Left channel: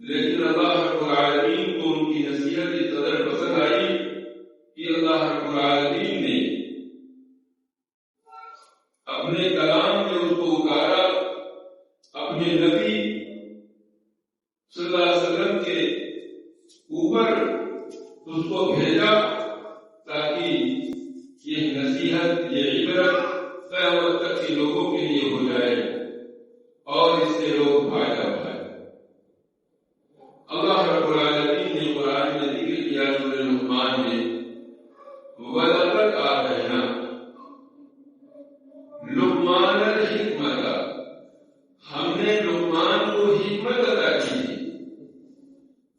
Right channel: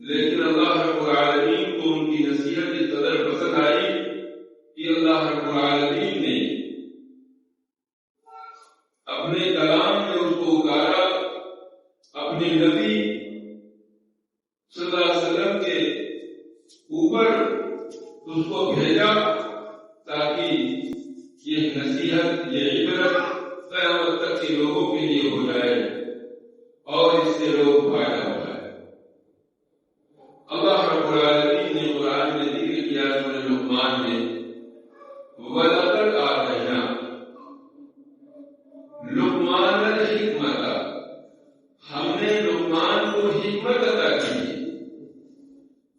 لیکن اللہ فضیلت اس قدر پسند آئی کہ اللہ رب العالمین نے اپنے کلام میں اس کو اتارا، اپنے نبی صلی اللہ علیہ وسلم کے اوپر اس کو بھیجا تاکہ یہ نصیحت، یہ عبرت قیامت تک کے لوگوں کے لیے ہو جائے اور اس سے لوگ فائدہ اٹھائیں۔ اللہ رب العالمین نے قرآن میں ذکر کیا سورہ لقمان میں، وَلَقَدْ آتَيْنَا لقمان الحکمت، ہم نے لقمان کو حکمت عطا کی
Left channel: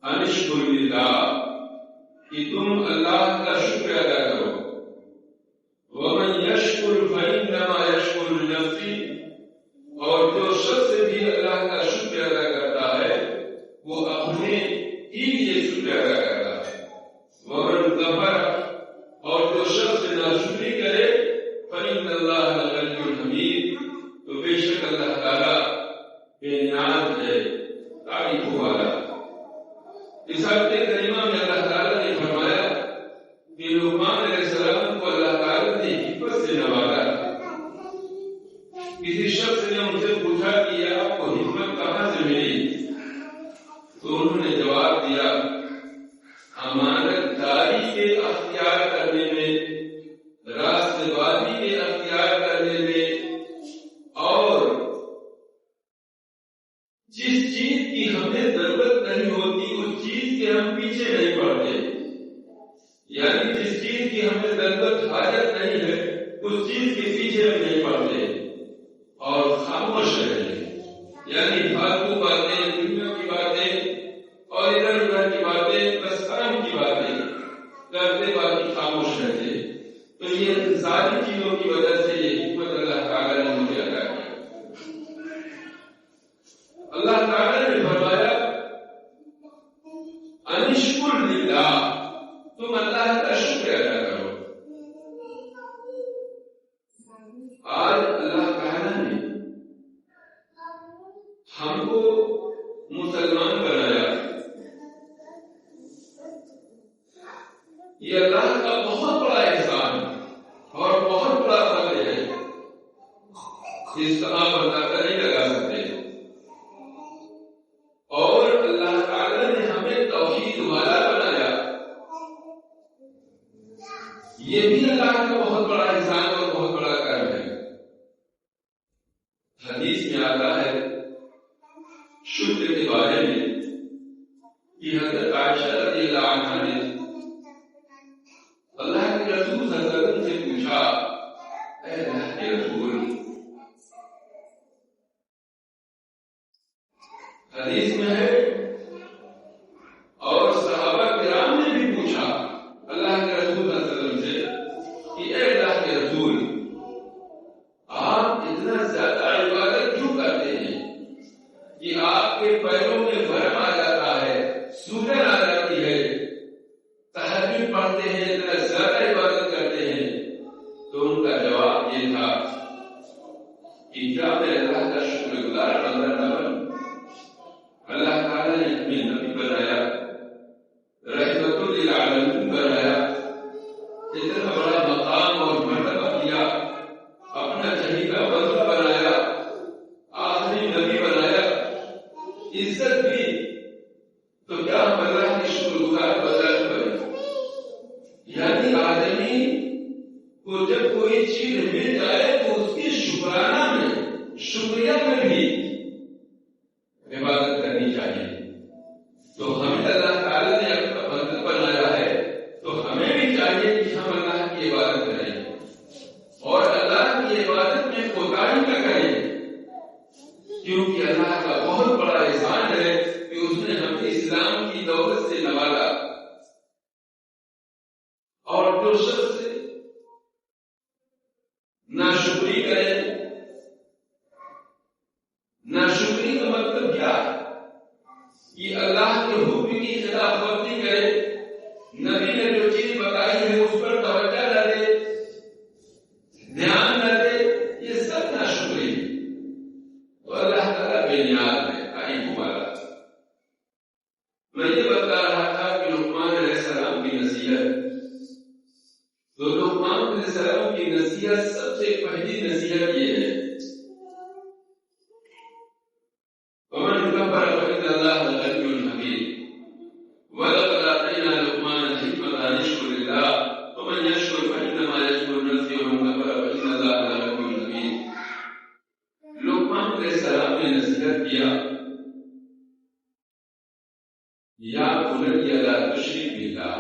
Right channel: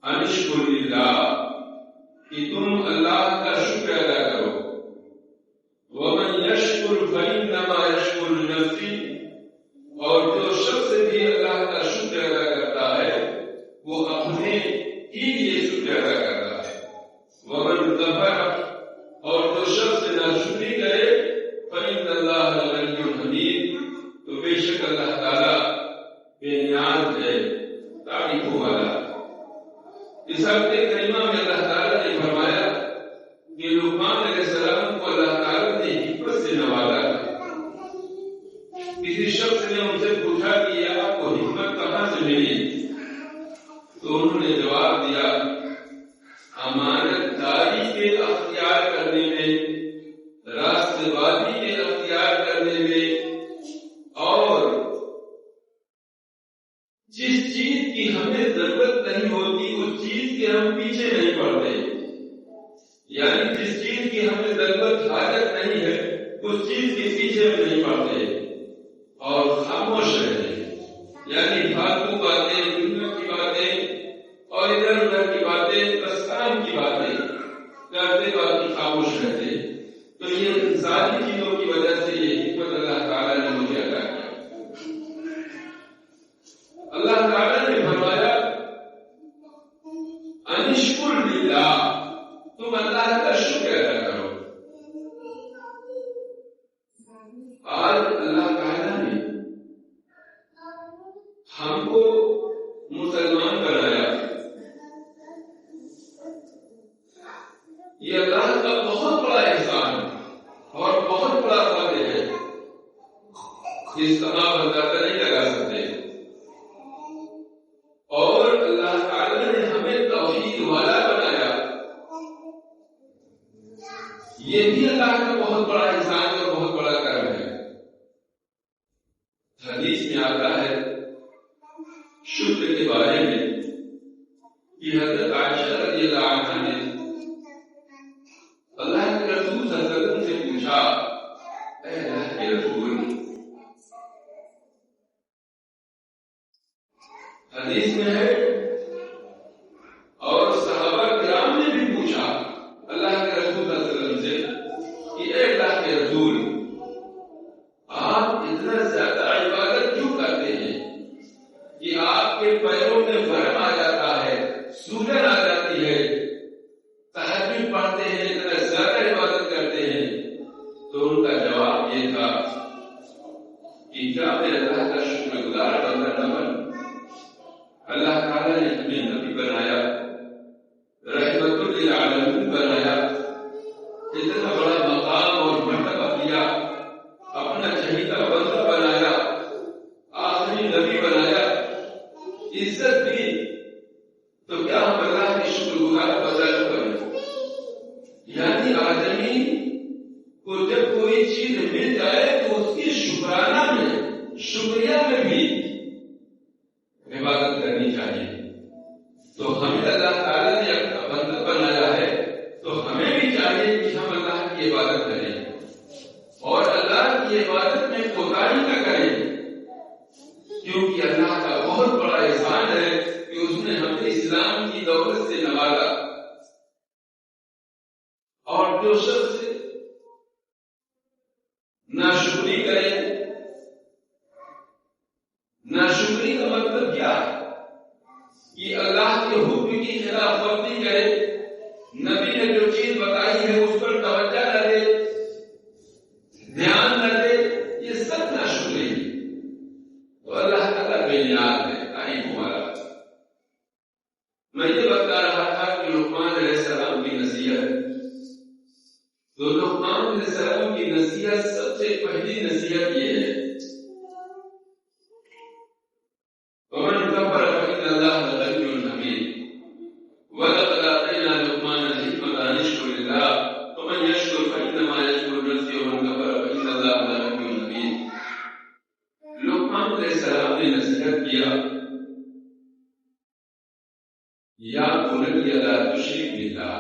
ان اشکر للہ، کہ تم اللہ کا شکر ادا کرو، ومن یشکر فإنما یشکر لنفسہ، اور جو شخص بھی اللہ کا شکر ادا کرتا ہے وہ اپنے ہی لیے شکر ادا کرتا ہے، ومن کفر، اور جو شخص ناشکری کرے فإن اللہ لغنی حمید، تو بے شک اللہ تعالیٰ بے نیاز ہے، تعریف والا۔ اس آیت کریمہ میں اللہ تعالیٰ نے فرمایا کہ لقمان علیہ السلام کو اللہ تعالیٰ نے حکمت سے نوازا تھا۔ کسی شخص نے ان سے پوچھا کہ آپ کو حکمت کہاں سے ملی؟ تو انہوں نے جواب دیا، امانت داری کے اختیار کرنے میں، راست بازی کے اختیار کرنے میں، اور جس چیز کی ہمیں ضرورت نہیں ہوتی اس چیز کے ہم پیچھے نہیں پڑتے، یعنی جس چیز کی ہمیں ضرورت حاجت نہیں ہے اس چیز کے پیچھے نہیں پڑتے، اور خاموش رہتے، یعنی فالتو باتیں، دنیا کی باتیں اور ادھر ادھر کی باتیں، بس کام کی باتیں کرتے باقی خاموش رہتے۔ تو یہ ساری چیزوں کی وجہ سے یہ حکمت اللہ تعالیٰ نے مجھے عطا کی۔ اللہ تعالیٰ نے فرمایا انشکر للہ، تم اللہ کا شکر ادا کرو۔ آج اللہ تعالیٰ نے ہم کو مسلمان بنایا، یہ اللہ کا بہت بڑا احسان اور بہت بڑا فضل ہے، اس طرح بتاتا نہیں لگا سکتے۔ اور اللہ تعالیٰ نے ہمیں توحید والا بنایا، یہ بھی اللہ کا بہت بڑا احسان اور بہت بڑا کرم ہے۔ حدیث میں آتا ہے شکر کے بارے میں کہ حضرت عائشہ رضی اللہ عنہا نے اللہ کے رسول صلی اللہ علیہ وسلم سے پوچھا، اے اللہ کے رسول، حدیث میں ہے اور صحابہ کرام نے بھی پوچھا اللہ کے رسول صلی اللہ علیہ وسلم سے کہ اے اللہ کے رسول، آپ اتنا زیادہ عبادت کیوں کرتے ہیں کہ آپ کے پیروں میں ورم آ جاتا ہے، سوجن آ جاتی ہے، تہجد پڑھتے ہیں، اتنا زیادہ عبادت کرتے ہیں؟ تو ان کا جواب یہ تھا کہ کیا میں اللہ کا شکر گزار بندہ نہ بن؟ اللہ تعالیٰ نے اپنے نبی بنایا، رحمت للعالمین بنایا، اتنا بڑا مقام اور مرتبہ دیا، اپنا چہیتا بندہ بنایا، آخری نبی بنایا، عزت دی، تو کیا ہم اللہ کے شکر گزار بدل کریں؟ یعنی آدمی کو جب کوئی چیز مل جائے تو اس کی شکرانہ میں، شکریہ میں بھی عبادت کرنی چاہیے۔ تو ہمیں اللہ تعالیٰ نے اپنا بندہ بنایا ہے تو ہمیں بھی چاہیے کہ ہم اللہ کی عبادت کریں اور اللہ کی عبادت میں کوتاہی نہ کریں، کیونکہ اللہ کا بہت بڑا احسان ہے کہ اس نے ہمیں اسلام کی دولت سے نوازا۔ اور جو شخص ناشکری کرے، ناشکری کا مطلب کیا ہے؟ کہ اللہ کے حکم کی خلاف ورزی کرے، نبی نے جو چیز بتائی ہے اس پر توجہ نہ دے، دھیان نہ دے، یہ سب ناشکری ہے۔ تو اللہ تعالیٰ بے نیاز ہے، تعریف ہمارا۔ میں یہ بتا رہا تھا کہ لقمان علیہ نصیحت. تو لقمان علیہ السلام کی نصیحت سب سے پہلی نصیحت یہ ہے ومن كفر فإن الله لغني حميد ولقد آتينا لقمان الحكمة أن يشكر الله ومن يشكر فإنما يشكر نفسه ومن كفر فإن الله لغني حميد. لقمان علیہ السلام نے نصیحت کیا یا بنی لا تشرک باللہ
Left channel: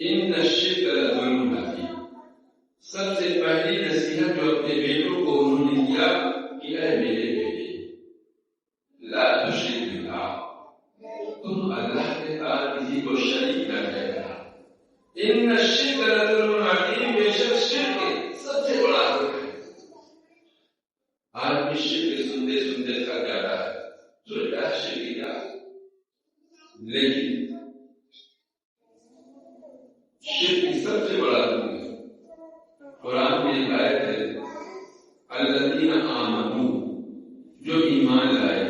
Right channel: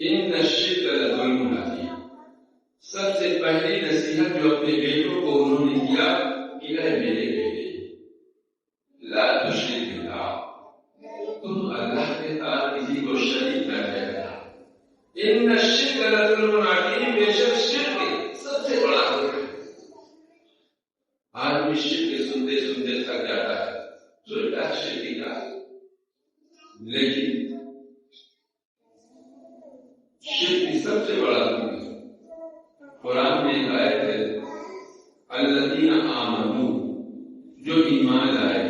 ان الشرک لظلم عظیم. سب سے پہلی نصیحت جو اپنے بیٹوں کو انہوں نے دیا کہ اے میرے بیٹے لا تشرک باللہ تم اللہ کے ساتھ کسی کو شریک نہ کرنا. ان الشرک لظلم عظیم بے شک شرک سب سے بڑا ظلم ہے. آدمی شرک سنتے سنتے تھک جاتا ہے سوچتا ہے شرک کیا ہے لیکن شرک سب سے بڑا ظلم ہے. قرآن میں آیت ہے الذین آمنوا جو ایمان لائے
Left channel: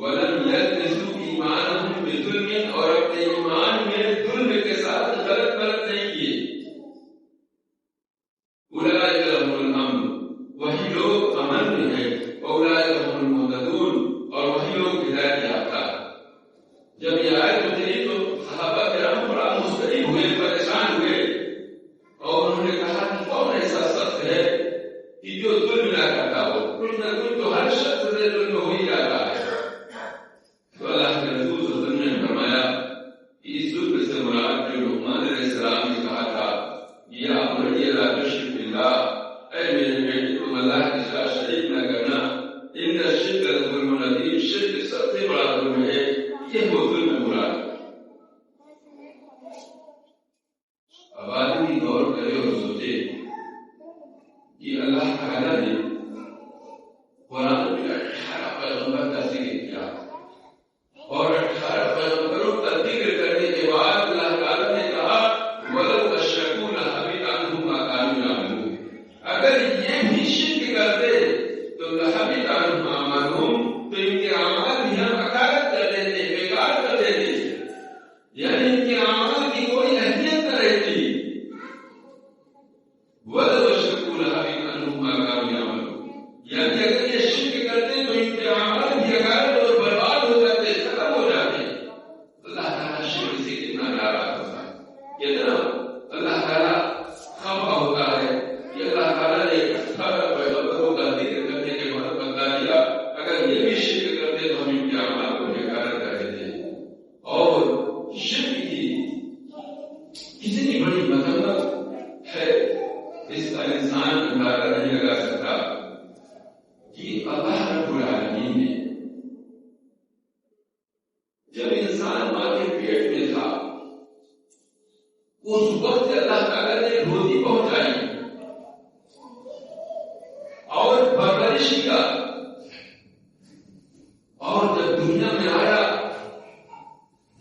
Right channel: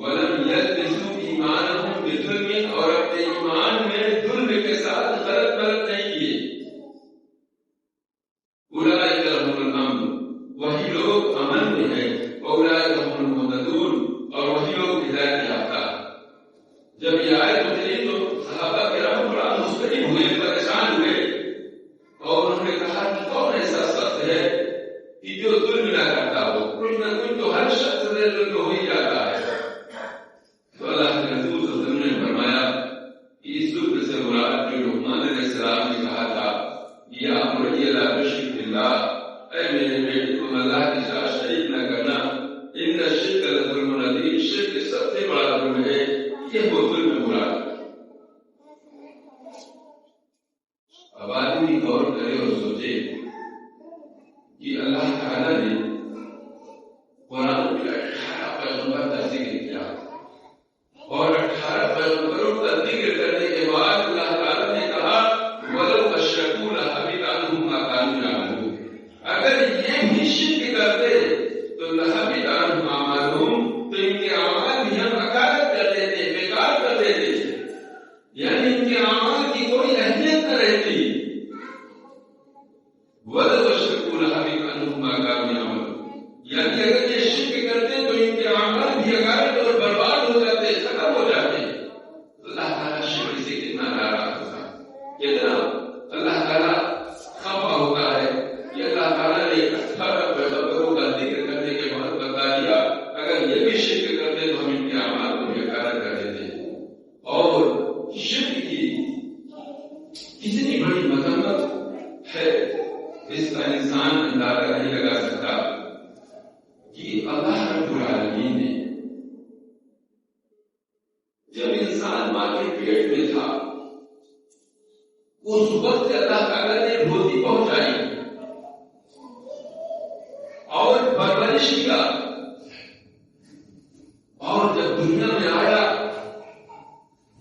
ولم یلبسوا ایمانهم بظلم اور اپنے ایمان میں ظلم کے ساتھ غلط مرت نہیں کیے اولئک لهم الامن وہی لوگ امن میں ہیں اولئک هم المهتدون اور وہی لوگ ہدایت یافتہ. جب یہ آیت اتری تو صحابہ کرام بڑا مستقیم ہوئے پریشان ہوئے اور انہوں نے کہا کہ کون ایسا شخص ہے کہ جو ظلم نہ کرتا ہو. کچھ نہ کچھ تو ہر شخص سے ظلم ہو ہی جاتا ہے. تو اللہ کے رسول صلی اللہ علیہ وسلم نے فرمایا کہ اس ظلم سے مراد جو لقمان علیہ السلام نے کہا تھا یا بنی لا تشرک باللہ اے میرے بیٹے تم اللہ کے ساتھ شریک نہ کرنا ان الشرک لظلم عظیم شرک سب سے بڑا ظلم ہے. یہ وہ ظلم مراد. اب آدمی غور کرے اور سوچے کہ اللہ تعالیٰ نے قرآن میں 18 پیغمبر کا ذکر کیا اور 18 پیغمبروں کا ذکر کرنے کے بعد اللہ تعالیٰ نے کہا وَلَوْ أَشْرَكُوا لَحَبِطَ عَنْهُمْ مَا كَانُوا يَعْمَلُونَ. اگر یہ بھی شرک کرتے تو لَحَبِطَ عَنْهُمْ أَعْمَالُهُمْ تو ان کے اعمال بھی ہم حقارت کر دیتے بیکار کر دیتے یعنی ان کے اعمال کی کوئی اہمیت نہ رہتی. وَلَوْ أَشْرَكُوا لَحَبِطَ عَنْهُمْ مَا كَانُوا يَعْمَلُونَ یعنی اگر یہ شرک کرتے تو ان کے اعمال بھی حقارت اور برباد ہو جاتے ختم ہو جاتے. اللہ تعالیٰ شرک سے کتنا ناراض ہوتا ہے کتنا اللہ تعالیٰ خفا ہوتا ہے کہ اللہ تعالیٰ نے 18 پیغمبروں کا ذکر کرنے کے بعد بتا دیا اگر یہ بھی شرک کرتے تو ہم ان کے اعمال کو بیکار کر دیتے. اور شرک کی کتنی بڑی مذمت ہے اس کا انسان اندازہ نہیں لگا سکتا کہ اللہ رب العالمین نے جب انسان ماں کے پیٹ میں تھا اس وقت اللہ تعالیٰ نے روزی پہنچائی اور پرورش کیا اور جب دنیا میں آیا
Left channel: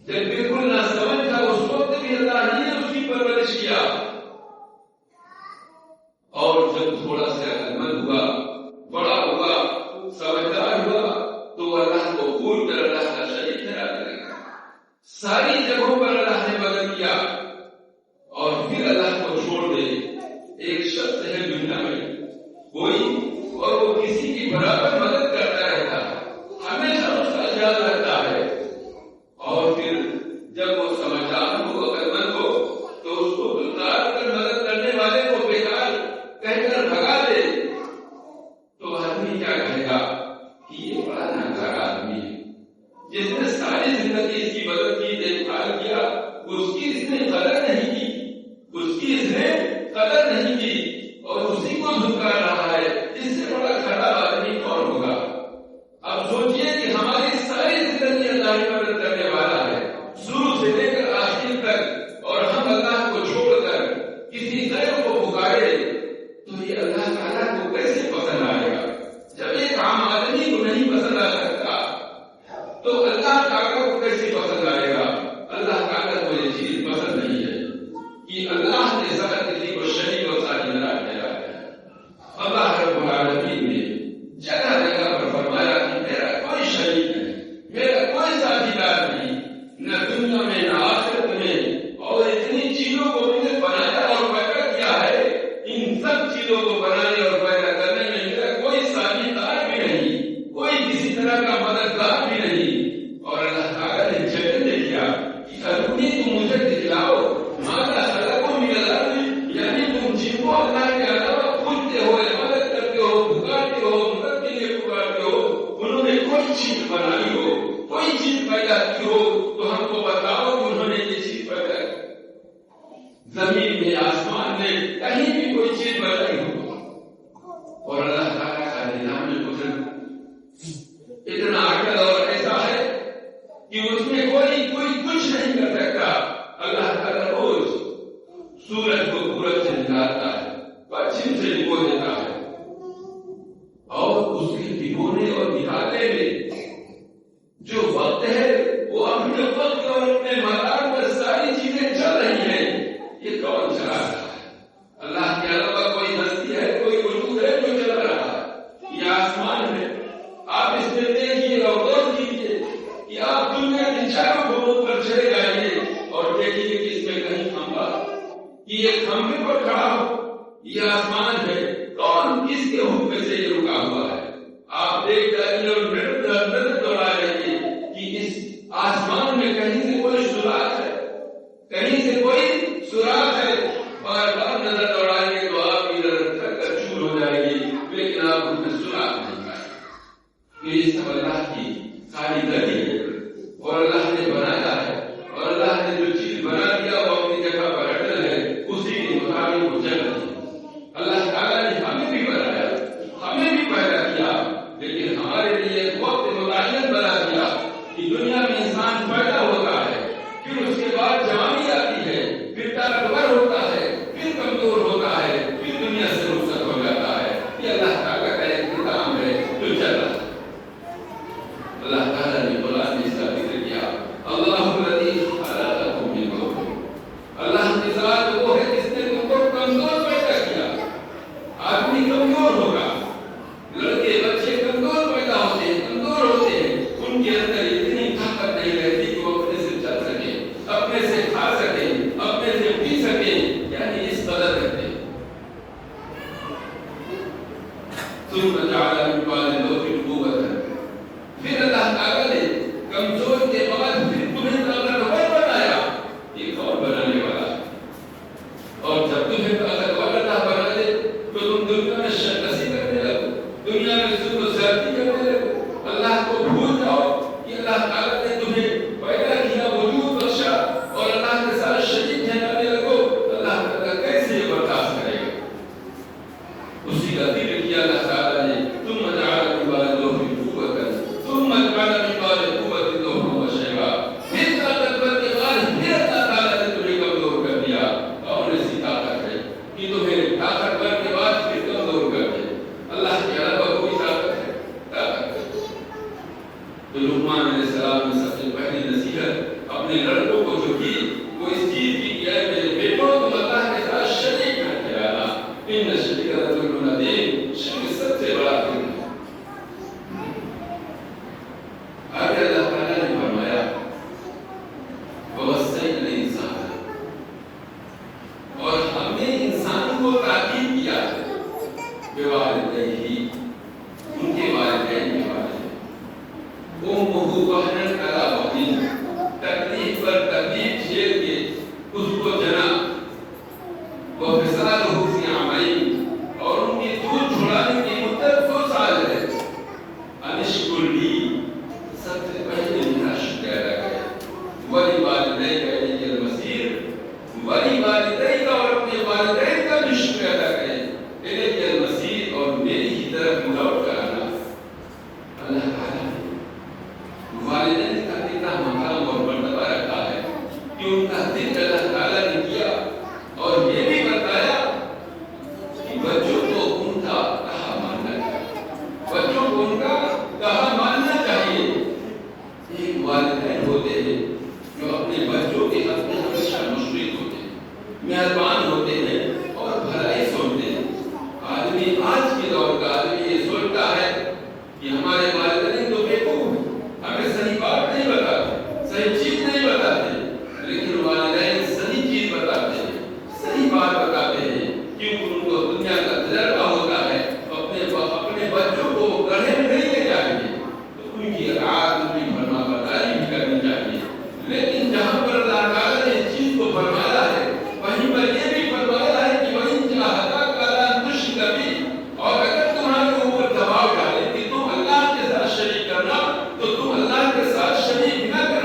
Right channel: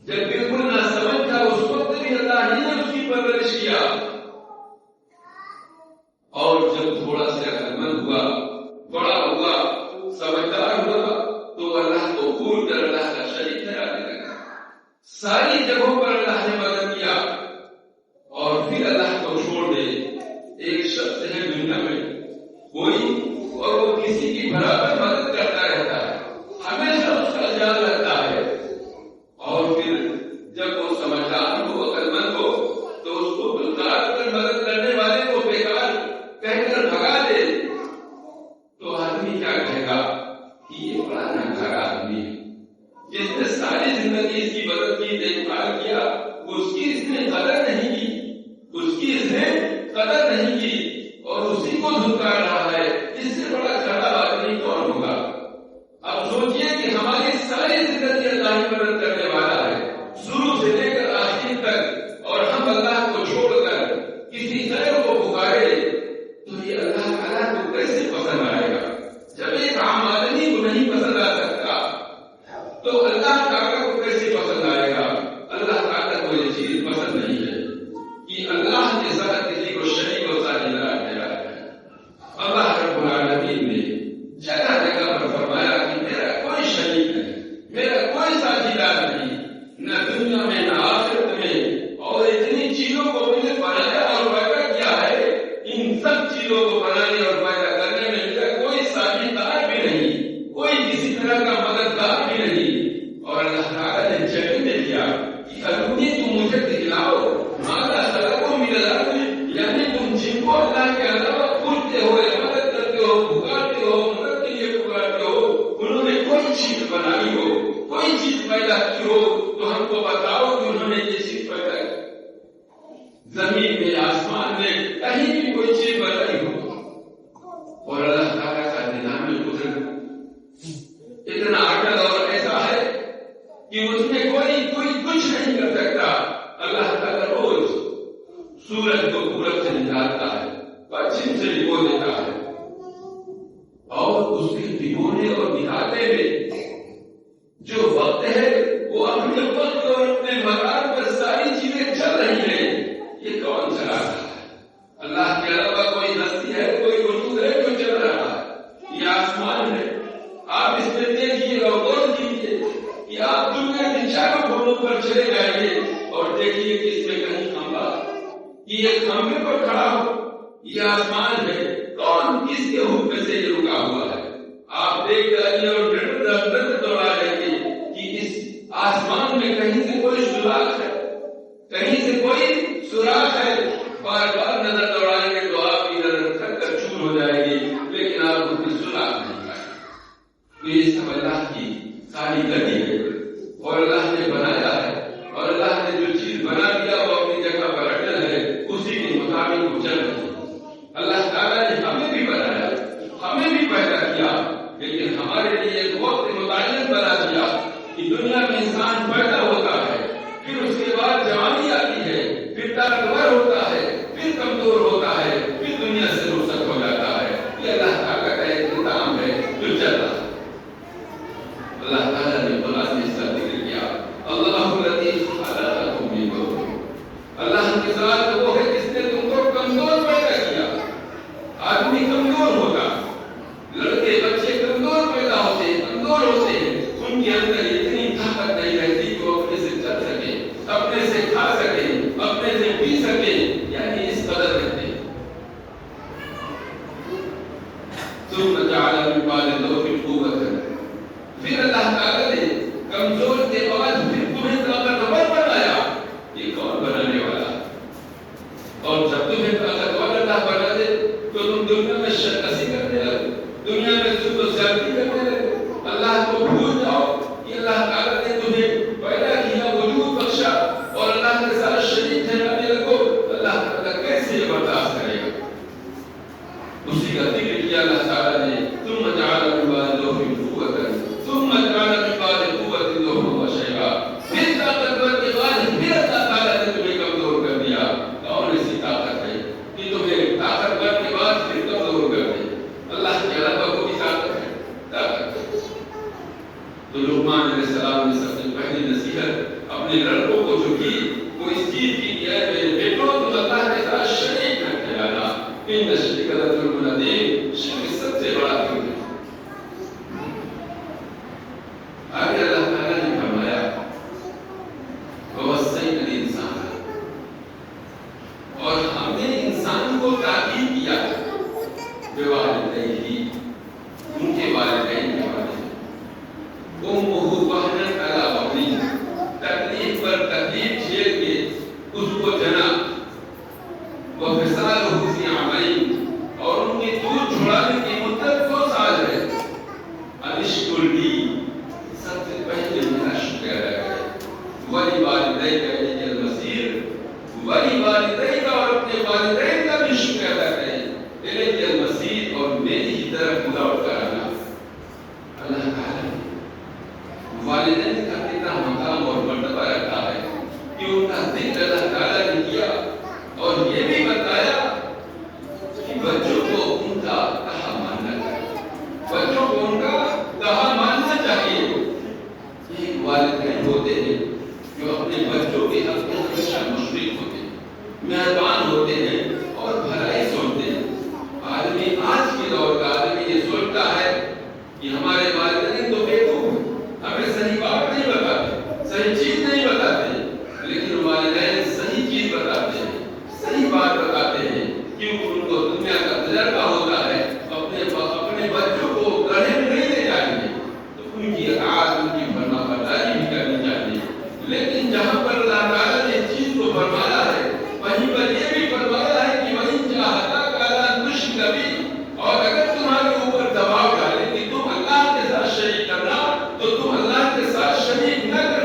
جب بالکل نہ سمجھ تھا اس وقت بھی اللہ نے اس کی پرورش کیا اور جب تھوڑا سا عقلمند ہوا بڑا ہوا سمجھدار ہوا تو اللہ کو بھول کر اللہ کا شریک ٹھہرانے لگا. ساری جگہوں پر اللہ نے مدد کیا اور پھر اللہ کو چھوڑ دے. ایک شخص ہے دنیا میں کوئی اور وہ کسی کی برابر مدد کرتا رہتا ہے ہمیشہ اس کا خیال رکھتا ہے اور پھر جب وہ سمجھدار ہو عقلمند ہو تو اس کو مدد کرنے والے کو بیکار کہہ کر بھگا دے تو آدمی کیا کہے گا کہ یہ بڑا ناکارہ آدمی ہے جس نے ساری زندگی اس کی مدد کی دیکھ بھال کیا اس کی اس نے قدر نہیں کی اس کی اس نے قدر نہیں کی اور اسی کو دھتکار رہا ہے. اس سے بڑا خراب آدمی کون ہوگا؟ اب سوچئے کہ ہماری ساری زندگی اللہ کی مدد کرنے والا ہے شروع سے لے کر آخر تک اور ہم اللہ کو چھوڑ کر کسی غیر کو پکارے تو یہ اللہ تعالیٰ کو کیسے پسند آئے گا؟ جب ایک عام آدمی کو نہیں پسند آ سکتا تو اللہ تعالیٰ کو کیسے پسند آئے گا؟ اللہ تعالیٰ کو یہ چیز پسند نہیں ہے کہ اللہ کے ساتھ کسی کو شریک و ساجھیدار ٹھہرایا ہے. اللہ رب العالمین نے جگہ جگہ پر فرمایا کہ میرا کوئی شریک نہیں میرا کوئی ساجھیدار نہیں نہ دنیا میں نہ آخرت میں پیدا کی ہو تو ہم کو بتاؤ کہ انہوں نے یہ چیز پیدا کی. زمین میں آسمان میں کہیں بھی کوئی چیز بنائی ہو اور اللہ تعالیٰ کا نظام قدرت اتنا عقل اور ایسا ہے کہ اس میں کوئی کچھ نہیں کر سکتا. اللہ تعالیٰ روز سورج کو پورب سے نکالتا ہے، پچھم سے ڈبو دیتا ہے، اور اس کے ڈبونے اور نکالنے میں جو وقت ہے وہ اپنے وقت اور اپنے مقام پر ساری چیزیں چل رہی ہیں. یہ کون چلا رہا ہے؟ اللہ کے علاوہ کوئی ہستی ہے، کوئی وجود ہے جو چل رہا ہے؟ یہ آسمان ہے. آپ اس میں دیکھیے اور غور کیجیے کہ آپ دنیا کے چاروں گھوڑوں پر چلے جائیے اور دیکھیے کہ اس میں کہیں کھمبا کہ یہ کھمبے پر کھڑا ہو. یہ آسمان ہے، کون کس کے حکم سے یہ رکا ہوا ہے؟ آپ دیکھ جائیے اور نظر دوڑا رہیے کہ اس آسمان میں کہیں سے کوئی سوراخ ہے، کہیں سے کوئی سوراخ ہے. بار بار نظر دوڑائیں گے تو آپ ادھر تک چور ہو جائے گی، لیکن آپ اس میں سوراخ نہیں پائیں. تو یہ سب اللہ کی کاریگری ہے اور اللہ نے بنایا ہے، اور اللہ نے جو چیز بنا دیا وہ اپنی جگہ پر اٹل ہے، اسی کے مطابق وہ چل رہی ہے. اللہ تعالیٰ نے ہمیں بھی بنایا، ہمیں بھی پیدا کیا، لیکن ہمارے لیے ایک وقت متعین بنا دیا کہ دنیا میں انسان پیدا ہوتا ہے، پھر اس کے بعد جوانی آتی ہے، پھر طاقتور ہوتا ہے، پھر کمزور ہوتا ہے، پھر دنیا سے رخصت ہو جاتا ہے. یہ اللہ تعالیٰ کا ایک نظام ہے جو چل رہا ہے. اللہ تعالیٰ نے قرآن میں اس کا ذکر کیا، اللہ الذی خلقکم من ضعف. اللہ کی ذات وہ ہے جس نے تم کو کمزور پیدا کیا. آدمی کمزور ہوگا، لڑکے بچے کمزور پیدا ہوتے ہیں، کمزور ہوتے ہیں. ان کے اندر اتنی طاقت نہیں رہتی کہ وہ اپنے سے چل سکے، اپنے سے کھا سکے، اپنے سے پی سکے، یعنی اس قدر رہتے ہیں. ثم جعل من بعد ضعف قوة. پھر اللہ تعالیٰ نے کمزور کے بعد پھر تمہیں طاقتور بنایا. یہ کون بنانے والا؟ اور جب تمہیں طاقتور اللہ بنا دے تو تم دنیا میں شرکسی کرنے لگو، دنیا میں سود و زیادتی کرنے لگو، اللہ کو بھول جاؤ. یہ اللہ تعالیٰ نے تمہیں پیدا کیا، وجود بخشا، اور اللہ کے ساتھ شریک ٹھہرانے لگو. اللہ تعالیٰ کیسے یہ برداشت کرے گا؟ اسی کا ذکر کیا اللہ تعالیٰ نے، ثم جعل من بعد ضعف قوة ثم جعل من بعد قوة ضعفا وشيبا. پھر طاقتور کے بعد پھر اللہ تعالیٰ نے تمہیں کمزور کر دیا. کون ایسی طاقت ہے کہ تمہیں طاقتور کے بعد پھر کمزور کر دے؟ اللہ کے علاوہ کوئی طاقت ہے؟ طاقت ہے. تو لقمان علیہ السلام نے سب سے پہلی نصیحت اپنے لڑکوں کو جو کی وہ اس چیز کی کہ اے میرے بیٹوں تم اللہ کے ساتھ شریک نہ ٹھہرانا. ان الشرک لظلم عظیم. شرک سب سے بڑا ظلم ہے. آگے اللہ تعالیٰ نے فرمایا وَوَصَّيْنَا الْإِنسَانَ، اور ہم نے انسان کو تاکید کیا بِوَالِدَيْهِ، ان کے والدین کے بارے میں. أُمُّهُ وَهْنًا عَلَىٰ وَهْنٍ، تکلیف پر تکلیف جھیل کے اس کو جنا. وَفِصَالُهُ فِي عَامَيْنِ، اور ان کی دودھ چھڑانے کی مدت 2 سال ہے. أَنِ اشْكُرْ لِي، سب سے پہلے میرا شکر ادا کرے. وَلِوَالِدَيْكَ إِلَيَّ الْمَصِيرُ، وَلِوَالِدَيْكَ، اور اپنے والدین کا بھی شکر ادا کرے. إِلَيَّ الْمَصِيرُ، اور میری ہی طرف لوٹ کر آنا. اللہ تعالیٰ والدین کا کتنا مقام اور مرتبہ رکھا ہے کہ ان کا ذکر اللہ تعالیٰ نے کیا اور یہ بھی بتایا کہ بچوں کو ان کا کہا ماننا چاہیے، بچوں کو ان کا کہا ماننا چاہیے. ایک والدین ہوتے ہیں جو اپنے بچوں کے حق میں ہمیشہ مشفق ہوتے ہیں، مہربان ہوتے ہیں اور بھلائی سوچتے ہیں. آدمی آج کے دور کا آدمی یہ سوچتا ہے کہ ہمارے والدین تو بیوقوف ہیں، ہمیں صحیح بات نہیں بتاتے، صحیح چیز نہیں بتاتے. لیکن والدین صحیح چیز بتاتے ہیں، صحیح بات بتاتے ہیں، کیونکہ ان کو دنیا کا تجربہ ہوتا ہے. اپنے بچوں کو گڑھے میں نہیں لے جائیں گے تو ان کی اطاعت، ان کی فرما برداری بھی کرنی چاہیے. لیکن جہاں پر اللہ تعالیٰ نے چیز کو فرمایا ہے وہیں پر یہ بھی فرمایا ہے کہ وہیں چاہتا کالا تشرک بھی، اور اگر تمہارے اوپر دباؤ ڈالے کہ تم اللہ کے ساتھ شریک کرنا تو تم اللہ کے ساتھ شریک نہ کرنا.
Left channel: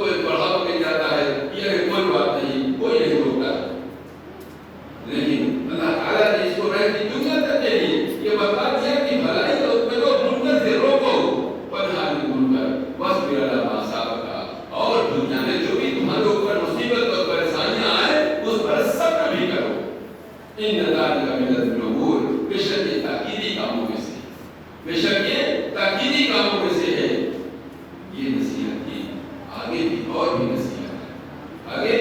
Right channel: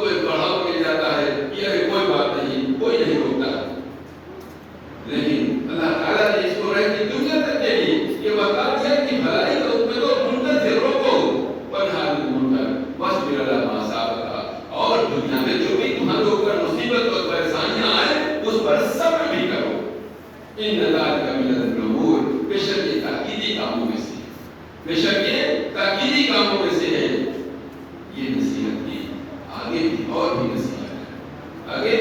کوئی بڑھاوا مل جاتا ہے، یہ کوئی بات نہیں، کوئی نہیں روکتا، لیکن اللہ تعالیٰ نے اس کو رہتی دنیا تک کے لیے یہ بتا دیا کہ بھلائی تو تمہیں کو منکر سے روکو، پنہا بھی منکر بس میرا لما سابقہ، اور دنیا میں جو بھی تمہارے اوپر مصیبت اور پریشانیاں آئے اس پر صبر بھی کرو، ان ذالک من الامور، بے شک یہ تاکیدی کاموں میں سے، بے شک یہ تاکیدی کاموں میں سے ہے۔ یہ نصیحت کی آگے بھی اور بھی نصیحت ہے، آگے